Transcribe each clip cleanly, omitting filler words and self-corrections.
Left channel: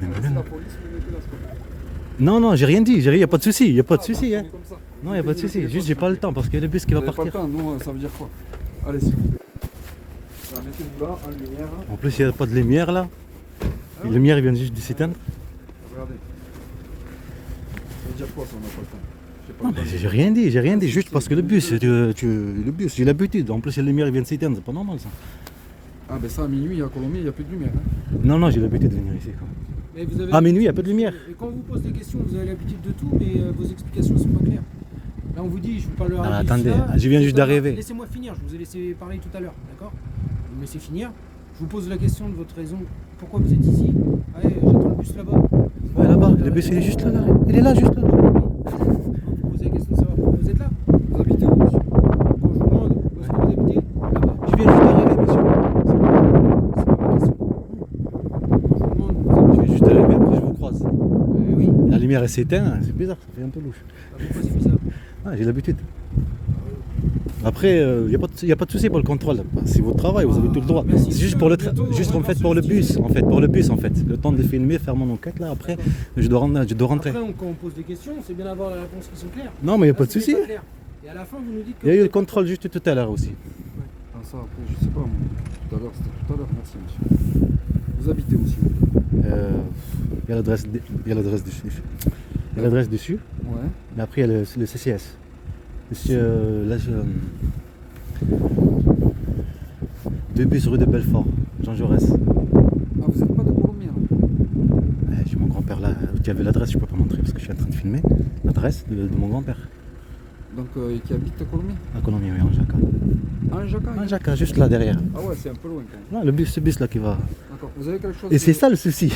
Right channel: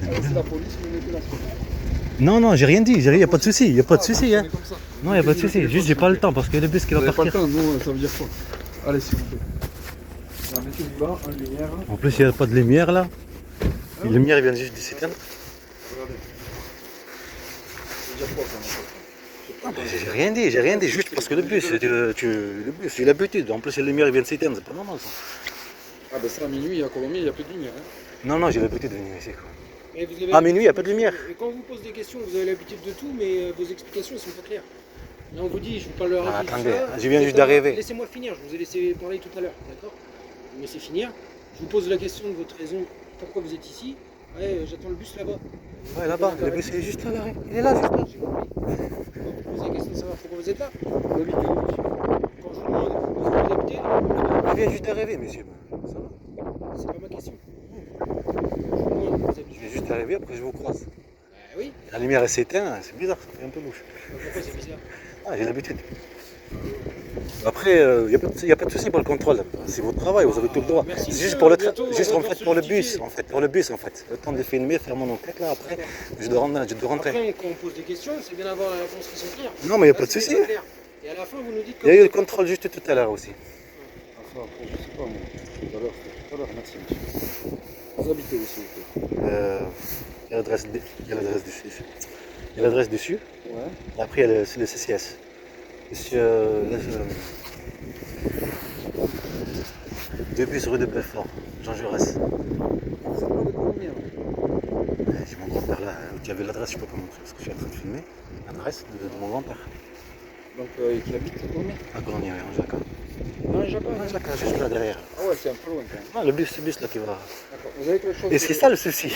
C'est la police, vous mettez la Non, non, j'ai rien dit, il n'y a pas de souci, il n'y a pas de souci. Hein. Comme ça. Non, il n'y a pas de souci, juste j'ai pas le temps parce que le bus qui va Vous n'avez pas le partir. temps, nous, ça veut dire quoi? Allez, s'il vous plaît. Voilà, mettez-vous là, en lumière. En plus, il n'y a pas de lumière là. La lumière vient juste de s'éteindre. Regardez. Ça veut dire quoi, ça, on n'a pas le temps? Non, mais j'ai rien dit, juste parce que le bus, le bus, j'ai l'habitude. En plus, la lumière vient de s'éteindre, c'est pas normal ça. Ah, ben ça, à minuit, à Colomiers, il n'y a plus de lumière. Hein. Non, non, j'ai l'habitude de venir ici. Quoi. Mais vous avez À minuit, il n'y a pas de lumière. Et quand on vous pose des questions, vous avez l'habitude de tout, mais vos explications ne sont pas claires. Là, on vous dit, je vous parle Ah, attendez, je viens juste d'arriver. Laissez-moi finir, je vous ai laissé parler tout à l'heure, d'accord? Vous me laissez finir. Je vous pose la question de votre raison. Pourquoi vous êtes ici? Ouais, j'attends le bus là-bas. Ouais, là-bas, le bus il est juste là, là. Il est là, juste là. Je vous pose la question de savoir pourquoi vous êtes là. Vous habitez où, monsieur? Quand je vous demande où vous habitez, Je viens juste d'arriver, monsieur. c'est pas ma question. Quand je vous demande où vous Je habitez, viens juste d'arriver, après je vous croise. oui. La lumière elle s'éteint, c'est bizarre, ça fait un peu louche. Pourquoi c'est bizarre? Ah, j'ai l'habitude. Après, il n'y a pas de souci pour le contrôle. C'est votre travail, vous avez tout le droit. Merci. C'est juste pour le Bientôt, juste on en va fait se pour le justifier. bus en fait. Le temps de filmer, faire mon enquête là. Après, je dois rentrer. Après, quand on pose des questions, c'est bien d'avoir la réponse qui sont claires. Non, mais il n'y a pas Là, de c'est souci. pas clair. Et à la fin, vous nous dites que Il y a eu vous le êtes contrôle juste tout à l'heure aussi. Ah, ça, après, je sais pas, moi. Tout à l'heure, c'était tout à l'heure, merci, monsieur. Vous habitez où, s'il vous plaît? Il y a l'adresse dessus. Il y a l'adresse dessus. Ouais. Et après, il y a le CCS. Monsieur, là, 2 bus rue de Belfort, Jean Jaurès. Ah, vous n'êtes pas de Colomiers, là? Ouais, j'ai mon grand-père là. Tu avais l'adresse, je peux pas montrer parce que je suis en train de filmer. L'adresse de mon grand-père. Donc, qui habite à Colomiers? À Colombie, oui, en Jacques. Ah, Jacques. En Jacques, juste là derrière. Ah ouais, c'est un peu loin quand même. Non, le bus là qui va. D'accord. Vous avez quelque chose Et c'est de- ça le souci.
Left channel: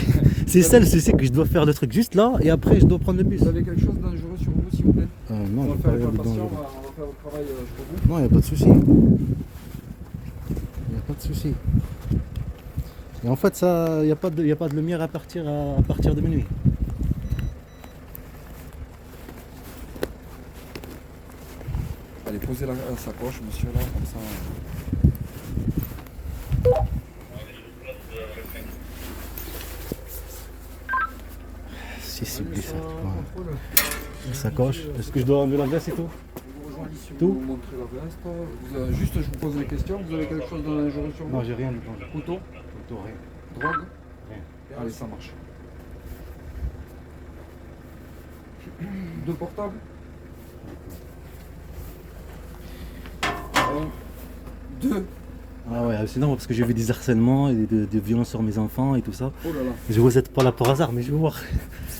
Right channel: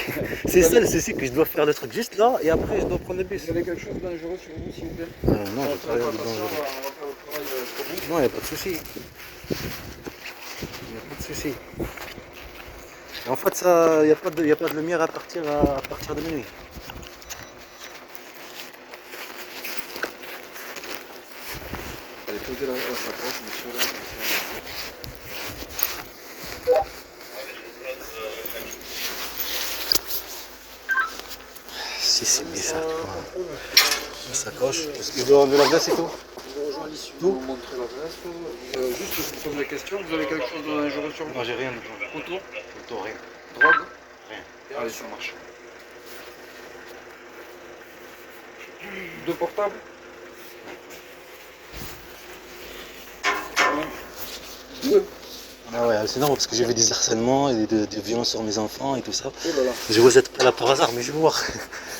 C'est ça le souci que je dois faire le truc juste là et après je dois prendre les bus. Vous avez quelque chose de dangereux sur vous, s'il vous plaît? Non, On va j'ai faire pas rien de attention, dangereux. on va faire le travail pour vous. Non, il n'y a pas de souci. Il n'y a pas de souci. Et en fait, ça, il n'y a pas de lumière à partir de minuit. Allez, posez la sacoche, monsieur, là, comme ça. Si, c'est bizarre. La sacoche. Est-ce que je dois enlever l'adresse et tout? Tout vous montrer l'adresse. Juste, je vous pose la question. Vous avez quelque chose de dangereux sur vous? Non, j'ai rien du tout. Couteau? Couteau, rien. Drogue? Rien. Allez, ça marche. Deux portables? Un, deux. Ah ouais, c'est normal parce que j'ai vu des harcèlements et des violences sur mes enfants et tout ça. Oh là là. Je vous êtes pas là pour hasard, mais je vais voir.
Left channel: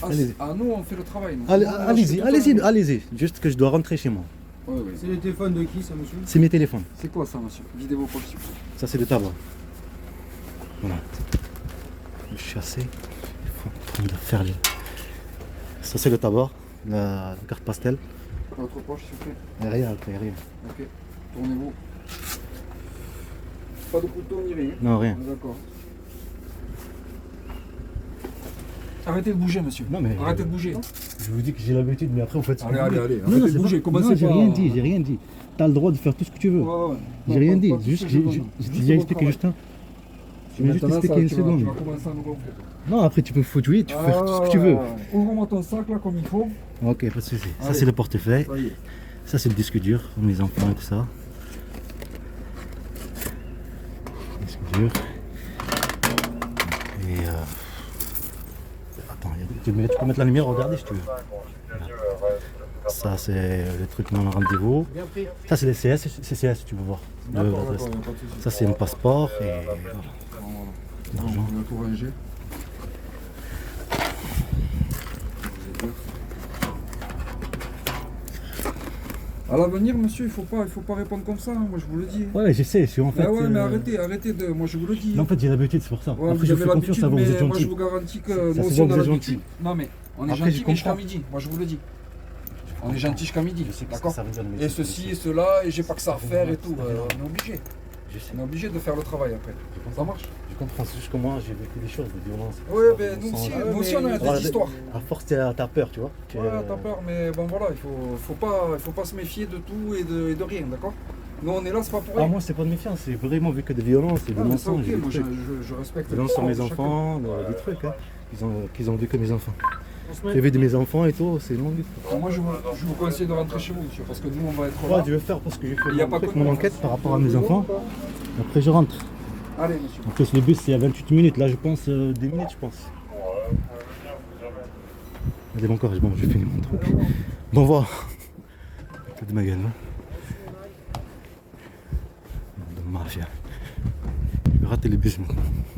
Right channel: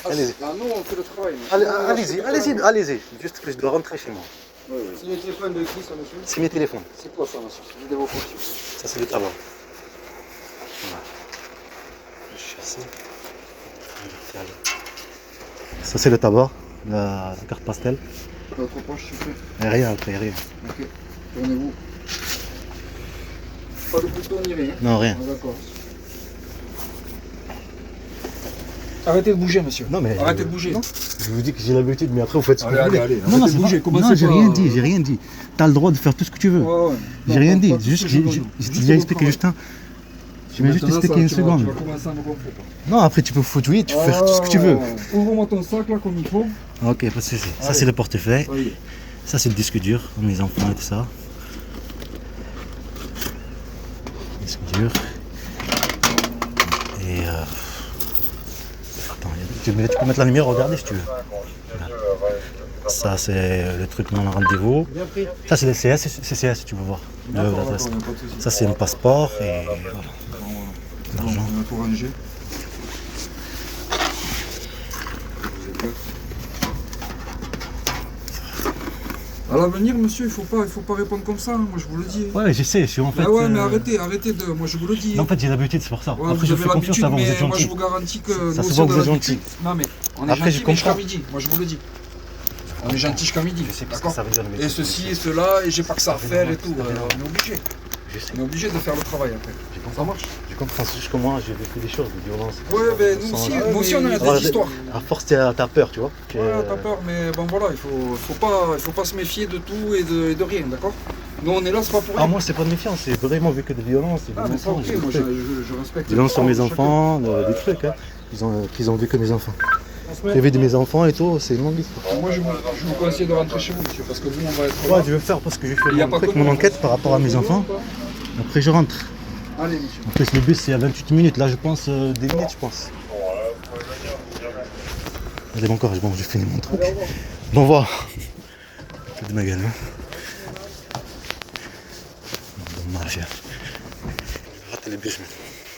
Ah, Allez-y. ah, nous, on fait le travail. nous. Allez-y, Nous, allez-y, on fait allez-y. Juste que je dois rentrer chez moi. le travail. Ouais, ouais. C'est les téléphones de qui, ça, monsieur? C'est mes téléphones. C'est quoi ça, monsieur? Videz vos copies. Ça, c'est le tabac. Voilà. Je suis assez. Faire le... Ça, c'est le tabac, la carte pastel. Votre poche, s'il vous plaît. Et rien après, rien. Ok. Tournez-vous. Pas de couteau ni rien. Non, rien. Ah, d'accord. Arrêtez de bouger, monsieur. Non, mais. Arrêtez de bouger. Je vous dis que j'ai l'habitude, mais après, vous faites ce que Allez, vous allez, voulez. allez. Non, non, Arrêtez c'est de bouger. pas... Commencez non, j'ai pas rien à- dit, j'ai rien dit. T'as le droit de faire tout ce que tu veux. Ouais, ouais. J'ai rien dit. Pas- pas Juste, tout ce j'ai que je veux. j'ai Juste déjà votre expliqué travail. juste un. Je vais juste Maintenant, expliquer ça, une tu vas- seconde. Tu vas commencer à me gonfler, toi. Non, après, tu peux foutre, oui, tu peux faire tout ce que tu veux. Ouvre-moi ton sac, là, comme il faut. Ok, pas de souci. Ça, Allez. c'est le portefeuille. Ça y est. Ça, c'est le disque dur pour mes enfants et tout ça. Disque dur. Et attends, tu peux mettre la lumière, regarder si tu veux. Voilà. Ça, c'est le truc non rendez-vous. Bien pris. Ça, c'est le CS, CCS, si tu veux voir. D'accord, L'adresse. d'accord, pas de souci. Ça, c'est un passeport et voilà. Bon, L'argent. on a tout rangé. À l'avenir, monsieur, il faut pas répondre comme ça, hein, moi je vous le dis. Ouais, je sais, je suis en fait. Ah ouais, mais arrêtez de. Moi je vous le dis. Non, en fait, j'ai l'habitude, c'est pour ça. Ouais, Après, vous je avez vous fais confiance l'habitude, à vous, vous êtes mais moi je gentil. vous garantis que Ça nous se aussi, voit on que a vous êtes l'habitude. gentil. Non mais on est Après, gentil je mais jusqu'à comprends. midi, moi je vous le dis. On est gentil jusqu'à midi, Je sais pas ce que d'accord? ça veut dire, le Et métier de ceci et policier. cela, et j'ai pas que ça à C'est faire et normal, tout. c'est normal. On est obligé. Je sais. On est obligé de faire le travail après. Ça marche? Je comprends, c'est juste que moi, j'ai vécu des choses, des violences. Ouais, ben nous aussi, nous aussi on a Alors, des histoires. À force, t'as peur, tu vois. Ouais, t'as peur, mais bon voilà, il faut pas se méfier de tout et de rien, d'accord? Nous, on est là, c'est pas pour Ah, rien. moi, c'est pas de méfiance, c'est vraiment vu que de violence, et de Ah, mais c'est mensonges, ok, des moi trucs. je respecte. Violence sur Oh, mes chacun. enfants, des trucs, hein. Qu'ils ont vu que mes enfants. On se met- Privé de mes enfants et tout, c'est une longue histoire. Moi, je vous conseille de rentrer chez vous, monsieur, parce que nous, on va être Ouais, là. je vais faire parce que j'ai fait Il y a mon pas truc, que mon nous. enquête par rapport à mes enfants. Après, je rentre. Allez, monsieur. En plus, le bus, c'est à 28 minutes. Là, je pense 10 minutes, je pense. Allez, bon courage. Bon, j'ai fini mon truc. Bon, voilà. C'est de ma gueule, hein. Bon, mafia. Je vais rater le bus maintenant.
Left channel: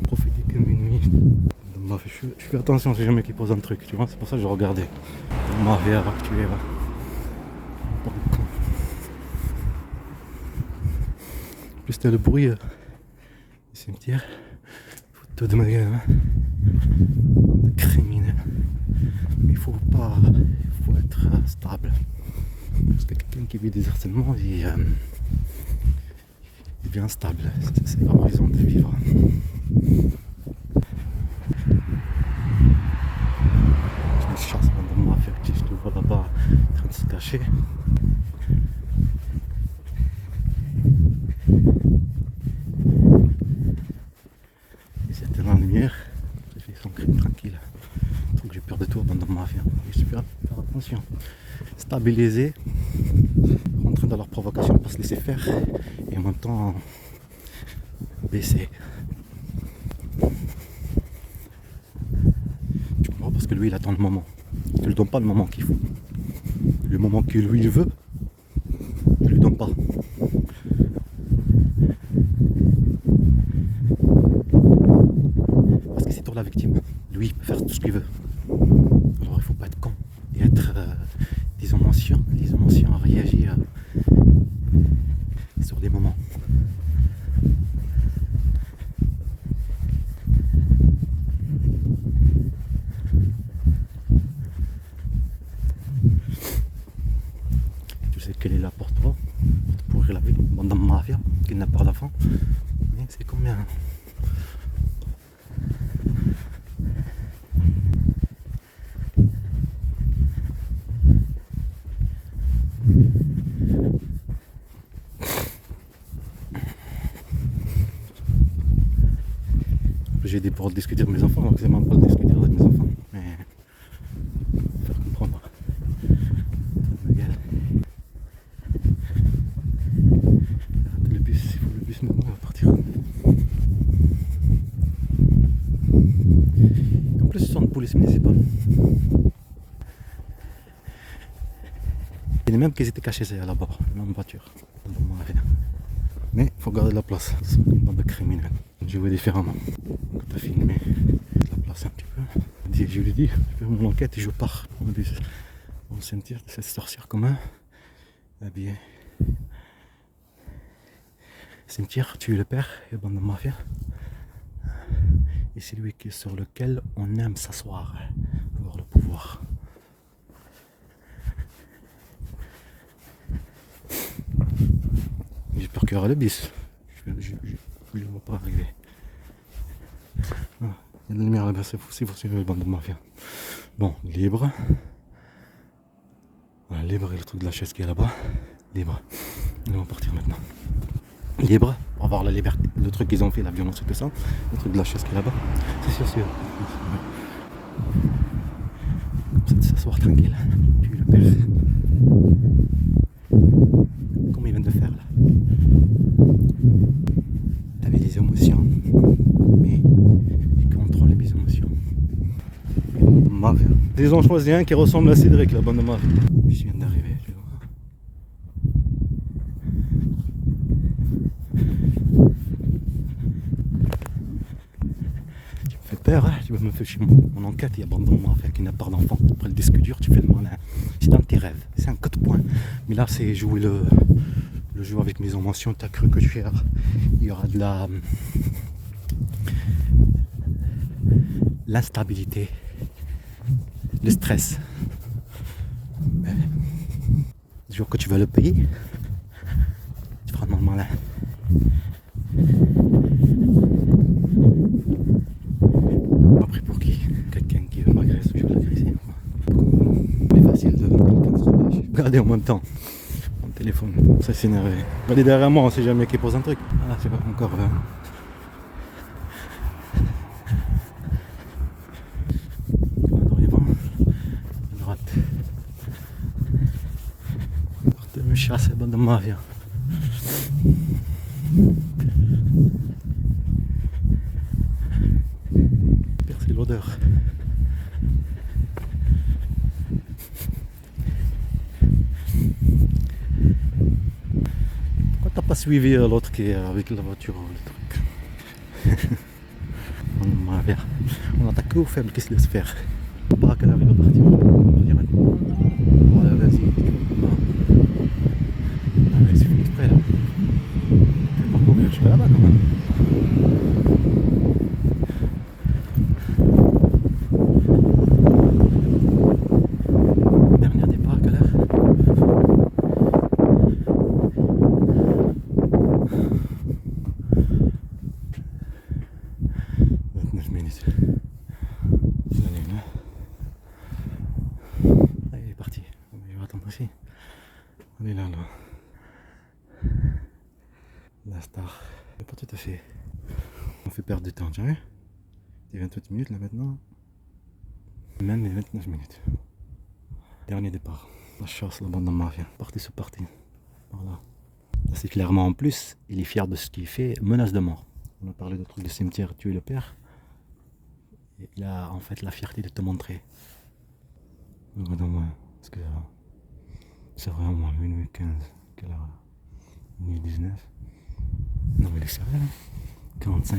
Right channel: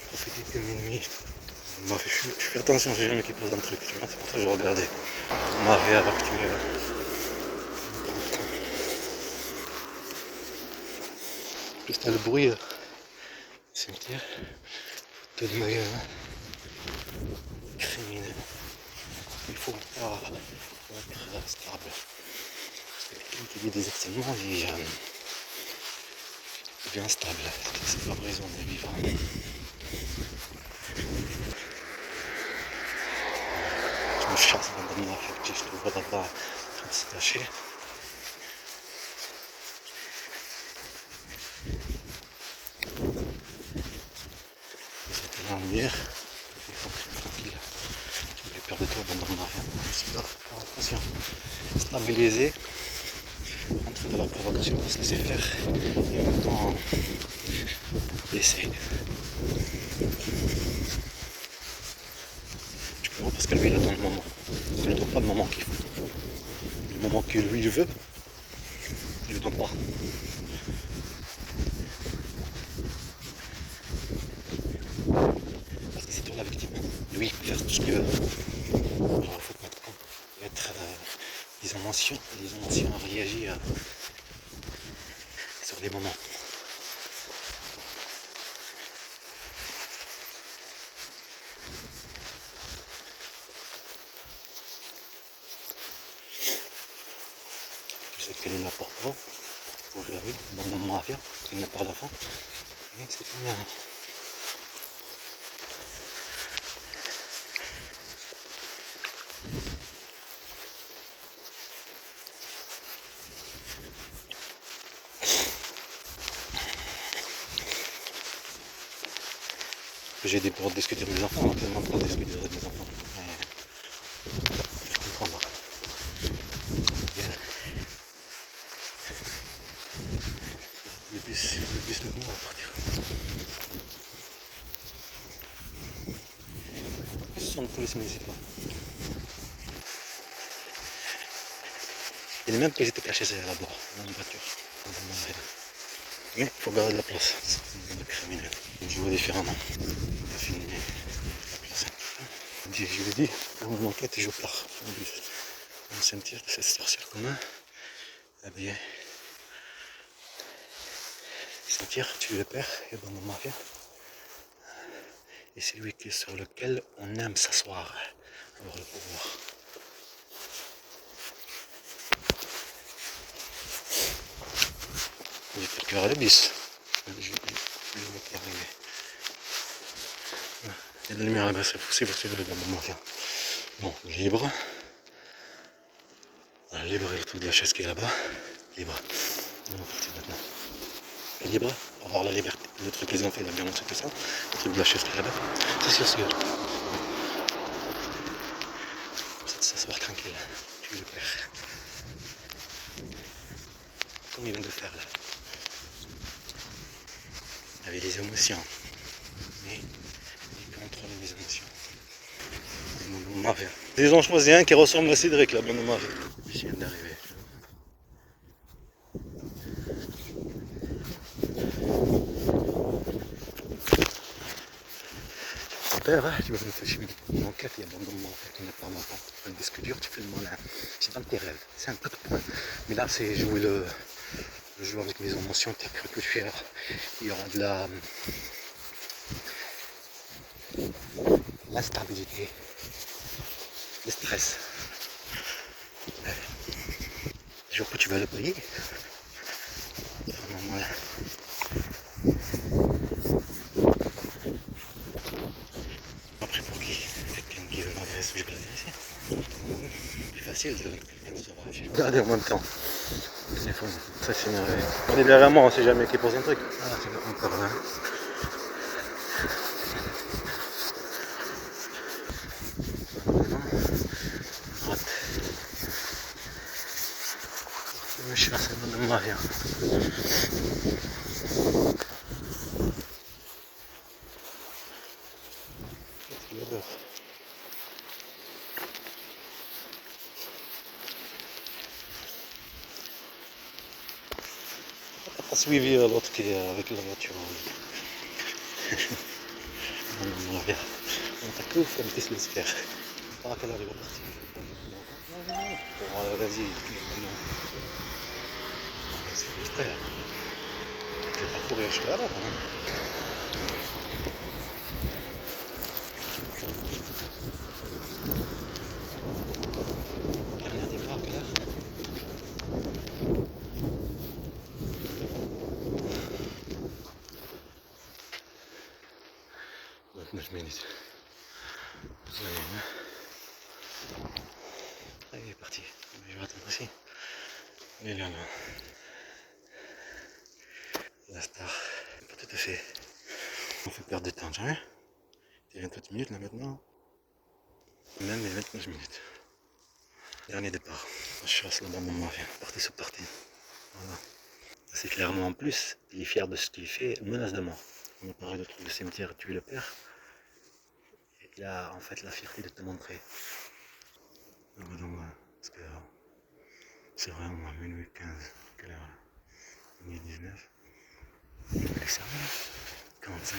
Profitez que minuit. Bon, je fais attention, j'ai jamais qui pose un truc, tu vois. C'est pour ça que je regardais. Bon, mafia, va tuer. En plus, t'as le bruit. Du cimetière. Foutu de ma gueule, hein. Criminel. Il faut être stable. Parce que quelqu'un qui vit des harcèlements, il devient instable. C'est pas raison de vivre. Je me chasse pendant moi, fait que je te vois là-bas en train de se cacher. C'était là en lumière. Tranquille. J'ai peur de toi pendant moi. J'espère faire attention. Stabiliser. Rentrer dans leur provocation pour se laisser faire. Et en même temps baisser. Tu comprends? Parce que lui il attend le moment. Tu ne lui donnes pas le moment qu'il faut. Le moment que lui il veut, tu ne lui donnes pas. Parce que c'est toi la victime. Lui il peut faire tout ce qu'il veut. Alors il ne faut pas être con. Et être les émotions à réagir sur des moments. Tu sais quelle est la porte pour ouvrir la rue dans ma mafia, il n'a pas d'enfant. Mais c'est combien? J'ai des pour discuter de mes enfants, donc vraiment pour discuter de mes enfants. Mais je comprends pas. Le bus maintenant va partir. En plus, ce sont des polices municipales. Il est même qu'ils étaient cachés là-bas, dans une voiture. Mais il faut garder la place, dans le criminel. Jouer différemment. On va filmer la place un petit peu. Je l'ai dit, dans mon enquête, je pars dans le cimetière de cette sorcière commun. Eh bien, cimetière, tue le père et bande de mafia. Et c'est lui sur lequel on aime s'asseoir, avoir le pouvoir. J'ai peur qu'il y aura le bis. Je ne vois pas arriver. Ah, il y a de la lumière là-bas, c'est le bande de mafia. Bon, libre. Voilà, libre et le truc de la chaise qui est là-bas. Libre. Nous on va partir maintenant. Libre, on va voir la liberté, le truc qu'ils ont fait, la violence et tout ça. Le truc de la chaise qui est là-bas. Ça c'est sûr. C'est s'asseoir tranquille. Comme il vient de faire là. Avec des émotions. Mais il contrôle les émotions. Mafia. Ils ont choisi un qui ressemble à Cédric, la bonne mafia. Je viens d'arriver. Père, hein, tu vas me faire mon enquête, il y a abandonnement qui n'a pas d'enfant. Après le disque dur, tu fais le malin. C'est un de tes rêves, c'est un code point. Mais là, c'est jouer le jeu avec mes émotions. Tu as cru que il y aura de l'instabilité, le stress. Le jour que tu vas le payer, c'est vraiment malin. Après pour qui? Quelqu'un qui veut m'agresser, je peux l'agresser. C'est facile de sauvage. Regardez en même temps. téléphone. Ça c'est énervé. On est derrière moi, on sait jamais qui pose un truc. Ah, tu vas encore là. Droite. Tu me chasses dans le mauvais. C'est l'odeur. Pourquoi t'as pas suivi l'autre qui est avec la voiture? On t'a que faire, mais qu'est-ce qu'il laisse faire? Pas à quelle heure il va partir. Ah, vas-y. Ah, mais c'est fait exprès. Tu vas pas courir jusqu'à là-bas. Dernier départ, quelle heure? 29 minutes. Ça y est, hein. Allez, il est parti. Je vais attendre ici. Il est là, là. La star. Pas tout à fait. On fait perdre du temps, tu vois. Il est 28 minutes là maintenant. Même les 29 minutes. Dernier départ. La chasse, la bande de mafia. Parti, c'est parti. Voilà. C'est clairement en plus, il est fier de ce qu'il fait, menace de mort. On a parlé de trucs de cimetière, tuer le père. Et il a en fait la fierté de te montrer. Regarde-moi, parce que c'est vraiment minuit 15. Quelle heure là? Minuit 19. Non, il est sérieux. 45.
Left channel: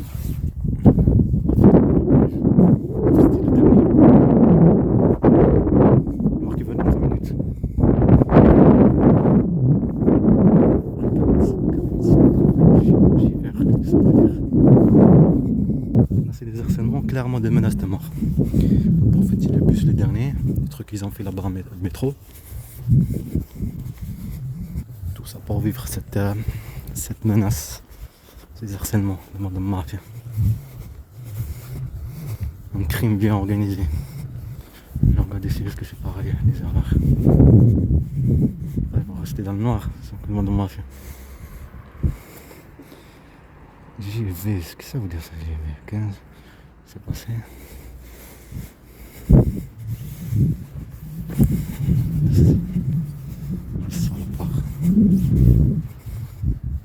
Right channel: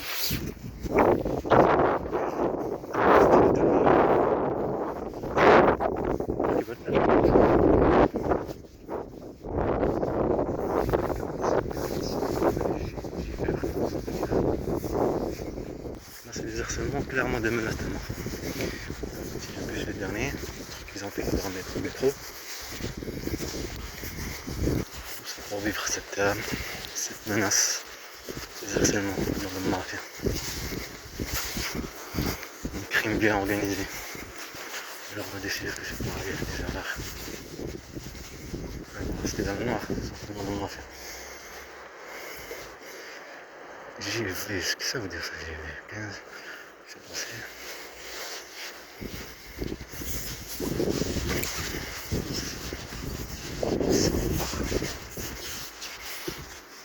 Là, c'est des harcèlements, clairement des menaces de mort. C'est plus les derniers, le truc qu'ils ont fait là-bas au métro. Tout ça pour vivre cette menace, des harcèlements dans le mafia. Un crime bien organisé. Je vais décider ce que c'est pour aller déjà là. C'était dans le noir, c'est simplement de mafia. GV, qu'est-ce que ça veut dire ça, GV 15, c'est passé.